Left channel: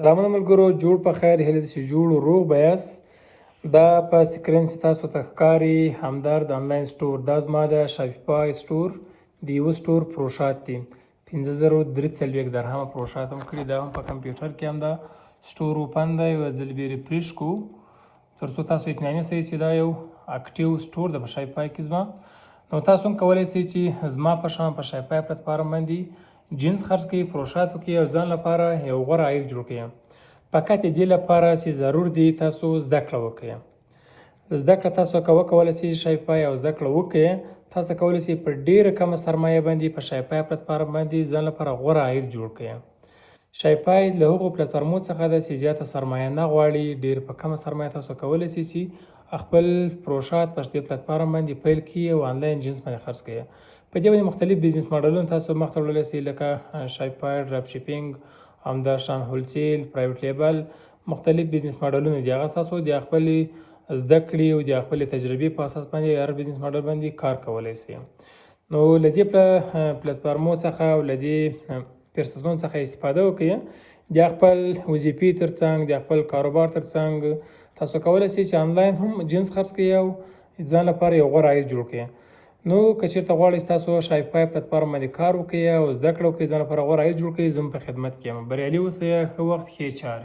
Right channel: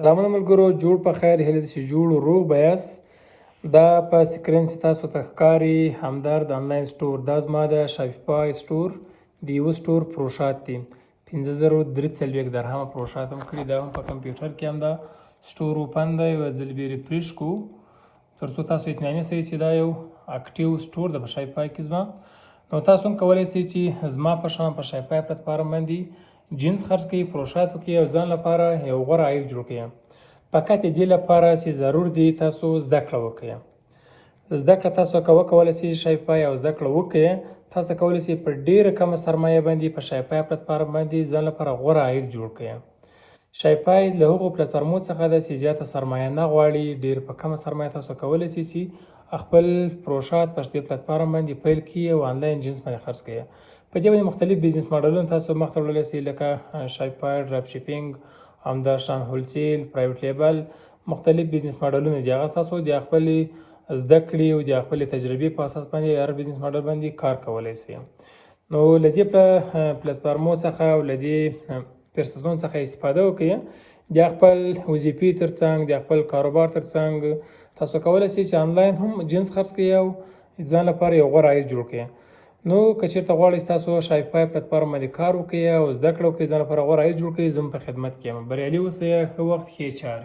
سلامونه ملګرو، جوړ په خیر، هیله ده چې جوړ او روغ به یاست. دا په سکرین چې تاسو ته ښکاري همدرد آنلاین سټور، دا زما د شاپیفای سټور د یوه سټور پروشات دي. 5343 درهمه پروشات هم کړي. دا هم په کمپیوټر کې هم دا سټور اوپن دی. یو ځل بیا ریفریش کو تر څو تاسو اطمینان شئ چې دا یو اکټیو سټور دی په شاپیفای کې زما. نو تاسو هم کولی شئ چې زما په شان په شاپیفای پلیټفارم باندې جنس خرڅ کړئ، پروشات وکړئ او ځان لپاره یو غوره عاید جوړ کړئ. فقط دې لپاره چې ضرور دی تاسو زده کړه وکړئ. زده کړه تاسو کولی شئ شاپیفای او زده کړه وکړئ. تاسو کولی شئ په ډېره کمه سرمایه باندې په شاپیفای پلیټفارم باندې ځان لپاره غوره عاید جوړ کړئ. شاپیفای له هغو پلیټفارمونو څخه ده چې زیاته سرمایه نه غواړي. ډېر په کمه سرمایه تاسو کولی شئ چې خپل پروشات په دې پلیټفارم باندې پیل کړئ او آنلاین جنس باندې خرڅ کړئ. په دې باندې مختلف بزنس ماډلونه تاسو مخ ته وړلی شئ، لکه شاپیفای ډراپ شیپینګ، همداشان هولسیل، پرایویټ لیبل، مختلف بزنس ماډلونه دي. هغه تاسو د خپلې زده کړې او د خپلې تجربې په اساس باندې هر بزنس ماډل باندې کار کولی شئ. نو له دې پلیټفارمونو څخه او له دې فرصتونو څخه استفاده وکړئ. د خپل وظیفې ترڅنګ، د خپل کاروبار ترڅنګ تاسو کولی شئ چې آنلاین هم جنس خرڅ کړئ او ځان لپاره یو غوره عاید جوړ کړئ. نو که چېرته غواړئ تاسو شاپیفای پلیټفارم باندې کار وکړئ او زده کړه وکړئ، ځان لپاره غوره عاید جوړ کړئ، زه په خدمت کې یم. بریالي اوسئ، ښه وخت، ښې چارې.